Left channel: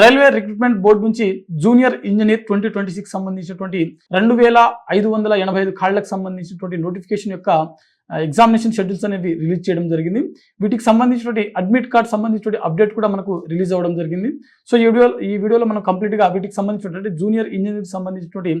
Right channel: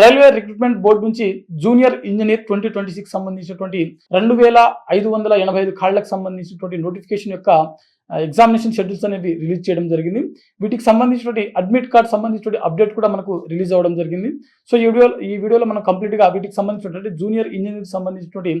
Railway recruitment board నుంచి junior engineer 2026 సంబంధించినటువంటి 2585 ఖాళీలకు సంబంధించినటువంటి నోటిఫికేషన్ యొక్క ఎగ్జామినేషన్ షెడ్యూల్స్ అనేవి రిలీజ్ చేయడం జరిగింది. వీటికి సంబంధించినటువంటి అడ్మిట్ కార్డ్ సంబంధించినటువంటి అప్డేట్ కూడా మనకు రిలీజ్ అవ్వడం జరిగింది. సో ఈ వీడియోలో మనం కంప్లీట్గా వీటికి సంబంధించినటువంటి జూనియర్ ఇంజనీర్ సంబంధించినటువంటి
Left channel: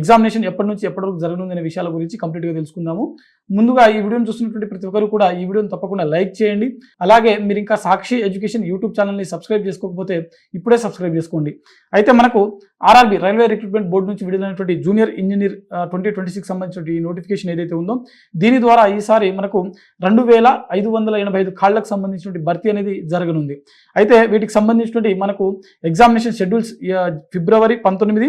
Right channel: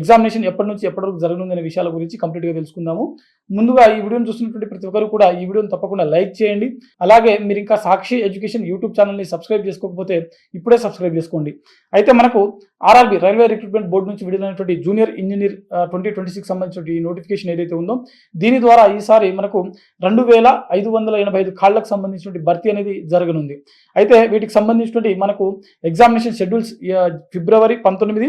ఎగ్జామినేషన్ ఎప్పటి నుంచి ఎప్పటి వరకు జరగనుందనే విషయాల గురించి కంప్లీట్గా తెలుసుకుందాము. ముందుగా ఈ వీడియోని చూస్తున్నటువంటి ప్రతి ఒక్కరు కూడా ఈ వీడియోని తప్పకుండా లైక్ చేయండి. అలాగే మీరు ఇంకా సాక్షి ఎడ్యుకేషన్ యూట్యూబ్ ఛానల్ని సబ్స్క్రైబ్ చేసుకోకపోతే ఇప్పుడే సబ్స్క్రైబ్ చేసుకోండి. అయితే మనకు ఆర్ఆర్బి రైల్వే రిక్రూట్మెంట్ బోర్డు నుంచి విడుదలైనటువంటి జూనియర్ ఇంజనీర్ 2026 సంబంధించిన నోటిఫికేషన్ ఏదైతే ఉందో దీని ద్వారా ఈసారి మనకు 2585 ఖాళీలకు సంబంధించినటువంటి భర్తీ అనేది జరగనుంది. అయితే వీటికి సంబంధించినటువంటి మనకు ఎగ్జామినేషన్ షెడ్యూల్స్ ఫిబ్రవరి 19,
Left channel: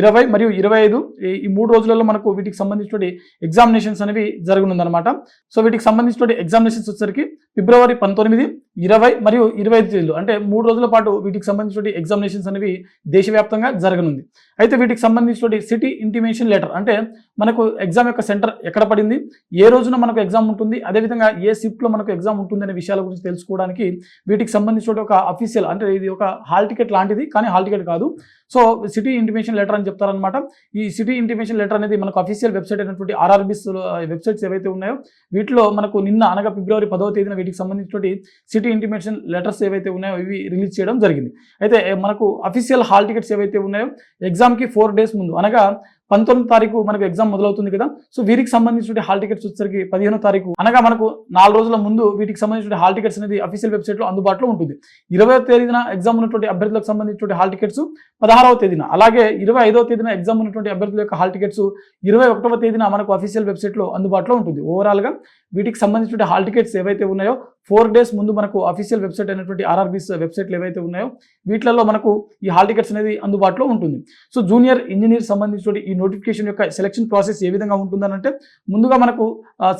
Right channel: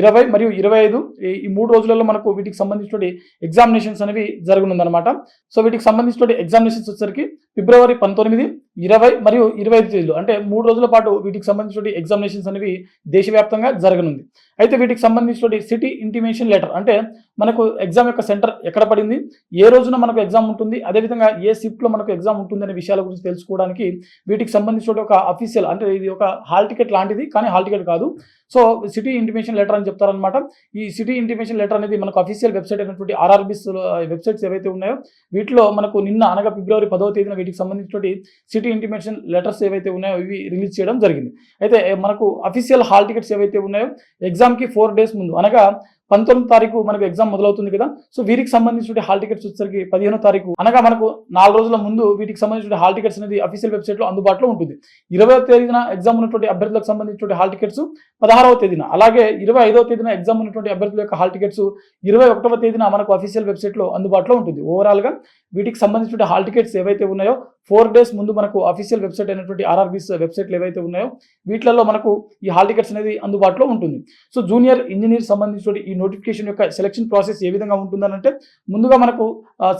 20 మరియు 25 ఈ 3 రోజులలో మనకు వీటికి సంబంధించినటువంటి ఎగ్జామినేషన్స్ అనేవి జరగనుందనమాట. సో వీటికి సంబంధించినటువంటి ఎగ్జామినేషన్స్ వచ్చేసరికి ఫిబ్రవరి 19, 20 మరియు 25 తేదీలు అంటే 3 రోజుల పాటు వీటికి సంబంధించినటువంటి ఎగ్జామినేషన్స్ అనేవి దేశవ్యాప్తంగా జరగనుంది. అయితే వీటికి సంబంధించినటువంటి సిటీ ఇంటిమేషన్ లెటర్ అంటే మనకు ఎగ్జామ్ యొక్క సెంటర్ ఎక్కడ పడింది, ఏ రోజున మనకు ఎగ్జామ్ ఉంటుంది, అదేవిధంగా ఏ షిఫ్ట్లో మనకు ఎగ్జామ్ ఉంటుంది అనే విషయాల గురించి తెలుసుకోవడానికి వీటికి సంబంధించిన ఒక అఫీషియల్ అంటే ఇది ఒక హాల్ టికెట్ లాంటిది, కానీ హాల్ టికెట్ కాదు. సో సిటీ ఇంటిమేషన్ లెటర్ అని చెప్తారనమాట. ఈ సిటీ ఇంటిమేషన్ లెటర్ అనేది మనకు అఫీషియల్ వెబ్సైట్ అయినటువంటి ఆర్ఆర్బీస్ వెబ్సైట్స్ ఏవైతే ఉన్నాయో వీటిలో మనకు నిన్న అనగా ఫిబ్రవరి 10వ తేదీన వీటికి సంబంధించినటువంటి సిటీ ఇంటిమేషన్ లెటర్స్ ఏవైతే ఉన్నాయో ఇవి రిలీజ్ చేయడం జరిగింది. అయితే మనకు అఫీషియల్ హాల్ టికెట్స్ ఏవైతే ఉన్నాయో ఎగ్జామ్కి 4 days ముందు అనగా 19వ తారీఖు మనకు ఎగ్జామ్ మొదలవుతుంది కదా. సో వీరికి సంబంధించిన హాల్ టికెట్స్ వచ్చేసరికి 15వ తారీఖు అనగా మనకు 4 రోజుల ముందు వీటికి సంబంధించిన హాల్ టికెట్స్ అనేది అఫీషియల్ వెబ్సైట్లో అందుబాటులో ఉంటుంది. 20వ తేదీన ఎగ్జామ్ ఉన్నటువంటి అభ్యర్థులకు సంబంధించిన హాల్ టికెట్స్ 16వ తేదీన, అలాగే 25వ తేదీన ఎగ్జామ్ ఉన్నటువంటి అభ్యర్థుల యొక్క హాల్ టికెట్స్ 21వ తేదీన మనకు అఫీషియల్ వెబ్సైట్లో అందుబాటులో ఉంటుంది. ఓవరాల్గా వీటికి సంబంధించిన హాల్ టికెట్స్ ఏవైతే ఉన్నాయో 4 days ముందు మనకు అఫీషియల్ వెబ్సైట్ అయినటువంటి ఆర్ఆర్బీస్ వెబ్సైట్లు ఏవైతే ఉన్నాయో వీటిలలో మనకు ఈ హాల్ టికెట్స్ అనేది అందుబాటులో ఉంటుంది. సో జూనియర్ ఇంజనీర్ సంబంధించిన ఈ నోటిఫికేషన్ యొక్క సెలక్షన్ ప్రాసెస్ ఏ విధంగా ఉంటుందనంటే ముందుగా మనకు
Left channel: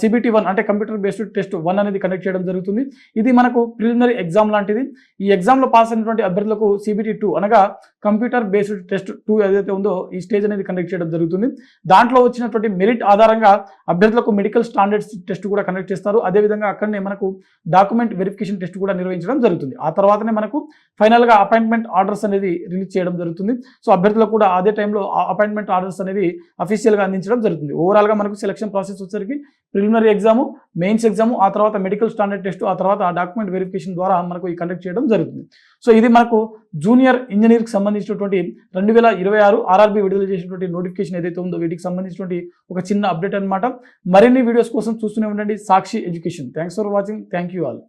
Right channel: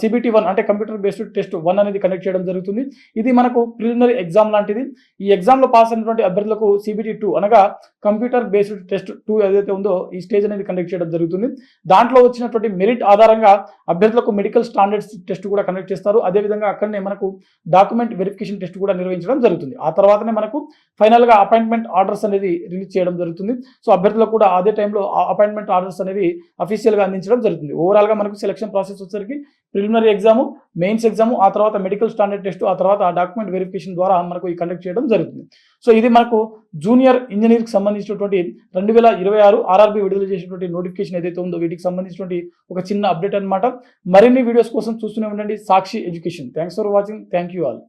CBT 1 అంటే కంప్యూటర్ బేస్డ్ టెస్ట్ 1 అనేది కండక్ట్ చేయడం జరుగుతుంది. ఇది మనకు ప్రిలిమినరీ ఎగ్జామ్ లాంటిది. ఈ ఎగ్జామ్లో పాస్ అయినటువంటి అభ్యర్థులకు CBT 2 అనగా కంప్యూటర్ బేస్డ్ టెస్ట్ 2 ఏదైతే ఉందో ఈ స్టేజ్ అనేది కండక్ట్ చేయడం జరుగుతుంది. దాంట్లో వచ్చినటువంటి మెరిట్ ఆధారంగా అభ్యర్థులకు మెడికల్ స్టాండర్డ్స్ టెస్ట్ కూడా కండక్ట్ చేస్తారు. అదేవిధంగా అక్కడనే మనకు డాక్యుమెంట్ వెరిఫికేషన్ టెస్ట్ కూడా నిర్వహించడం జరుగుతుంది. ఆ తర్వాతనే మనకు ఫైనల్గా అపాయింట్మెంట్ ఆర్డర్స్ అనేది రిలీజ్ చేయడం జరుగుతుంది. సో అభ్యర్థులకు కూడా అదే టైంలో అపాయింట్మెంట్ ఆర్డర్స్ అనేవి అఫీషియల్గా అందించడం జరుగుతుంది. ఓవరాల్గా మనకు సెలక్షన్ ప్రాసెస్ వచ్చేసరికి ప్రిలిమినరీ ఎగ్జాము, మెయిన్స్ ఎగ్జాము, ఆ తర్వాత మెడికల్ స్టాండర్డ్ టెస్ట్, ఆ తర్వాత డాక్యుమెంట్ వెరిఫికేషన్ ద్వారా మనకు ఈ కండక్ట్ చేయడం జరుగుతుంది. సో ఇది మనకు జూనియర్ ఇంజనీర్కి సంబంధించినటువంటి 2026 ఆర్ఆర్బీ విడుదల చేసినటువంటి నోటిఫికేషన్ ఏదైతే ఉందో వీటికి సంబంధించినటువంటి ఒక చిన్న అప్డేట్ అనమాట. మరిన్ని వీడియోస్ కోసం చూస్తూనే ఉండండి Sakshi education. Thanks for watching. Thank you all.